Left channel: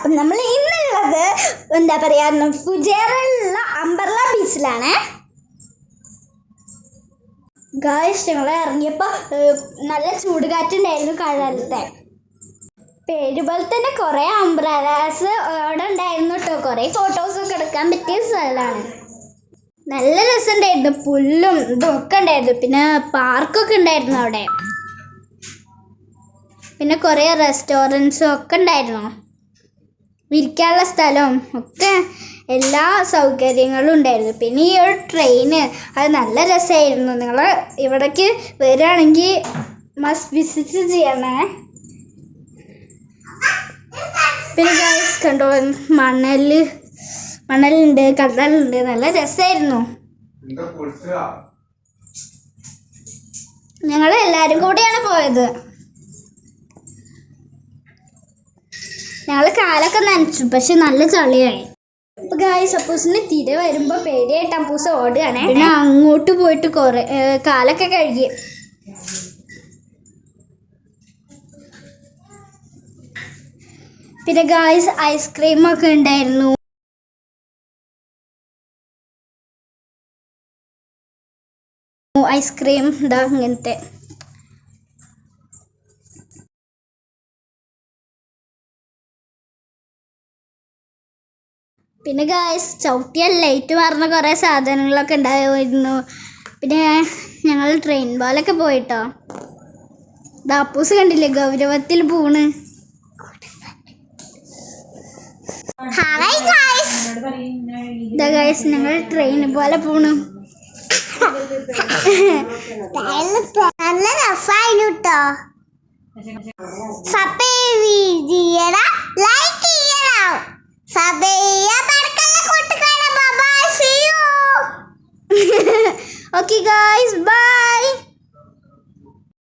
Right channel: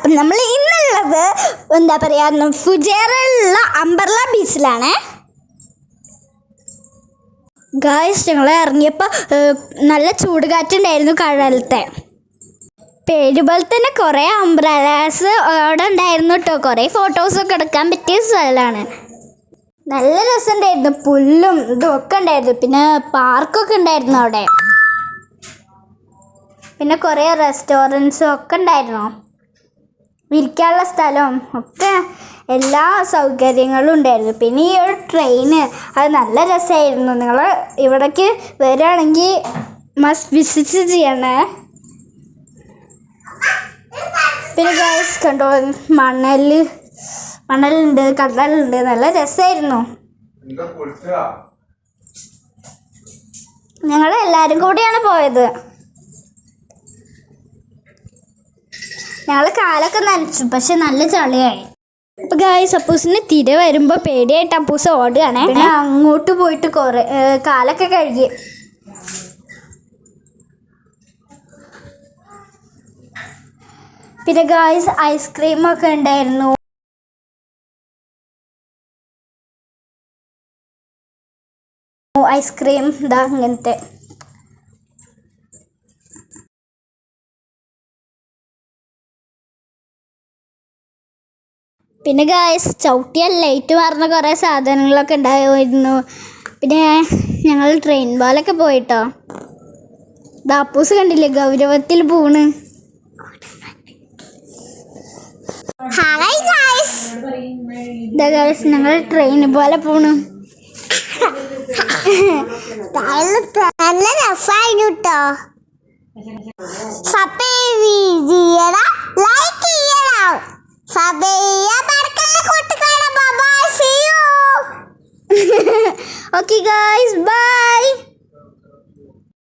അപ്പം നമ്മൾ ഇന്നുള്ളത് എന്താ പറയുക ഫുജേറയിലുള്ള അംബർല ബീച്ചിലാണ്. ഗായ്സ് ഞങ്ങൾ ഇറങ്ങിയപ്പോൾ നല്ല ചൂട് കാറ്റുണ്ടായിരുന്നു കടലത്തെ. പേരുപോലെ തന്നെ കുറേ അംബ്രലാസ് അവിടെ ഉണ്ടായിരുന്നു കേട്ടോ. കുറേ ഫോട്ടോസൊക്കെ എടുക്കാൻ പറ്റിയ സ്ഥലമാണ്. നല്ല രസമുണ്ടായിരുന്നു. പുല്ലും ഇതൊക്കെ ഉണ്ടായിരുന്നു. പിന്നെ പാർക്കൊക്കെ ഉണ്ടായിരുന്നു അവിടെ. പിന്നെ കുറേ റെസ്റ്റോറൻറ്റ്സും ഒക്കെ ഉണ്ടായിരുന്നു. ഇരിക്കാനുള്ള സ്ഥലവും ഒക്കെ എല്ലാ സൗകര്യങ്ങളും ഉണ്ടായിരുന്നു. പിന്നെ ഈ ഒരു ട്രെയിന് അത് നല്ല രസമായിരുന്നു. നിങ്ങൾ ഇവിടേക്ക് വരികയാണെങ്കിൽ മസ്റ്റ് വിസിറ്റ് ചെയ്യണേ. പിന്നെ ഗൈസ് കണ്ടോ മണലുണ്ട്, കടലുണ്ട്. നല്ല രസമായിരുന്നു. ഞങ്ങൾ എല്ലാവരും കൂടിയാണ് പോയത്. ഞങ്ങൾ കാലൊക്കെ നനച്ചു, പക്ഷെ നല്ല ചളിയായി. അപ്പോൾ ഗായ്സ് അപ്പൂസിന് തിര വരുമ്പോൾ പേടിയായിട്ട് അപ്പൂസ് ഓടുകയാണേ. പിന്നെ അങ്ങോട്ട് പോയിട്ട് കുറേ കാലൊക്കെ കഴുകി. പിന്നെ ഗായ്സ് ഐസ്ക്രീമൊക്കെ ഉണ്ടായിരുന്നു. ഐസ്ക്രീം ഇതാ ഇങ്ങനത്തെ. പിന്നെ ഗായ്സ് ചവിട്ടിയ ലൈറ്റ് മാറുന്ന കുറേ സാധനങ്ങളൊക്കെ ഉണ്ടായിരുന്നു. പിന്നെ ഞങ്ങൾ ട്രെയിൻ പോലൊക്കെ പോയിട്ടോ. ദാപ്പൂസ് കണ്ടില്ലേ ഗൗരവത്തിൽ പോണ്. ഗായ്സ് ഞങ്ങൾ ട്രെയിൻ പോലെ പോണു. നല്ല രസമായിരുന്നു കേട്ടോ. Okay guys, bye.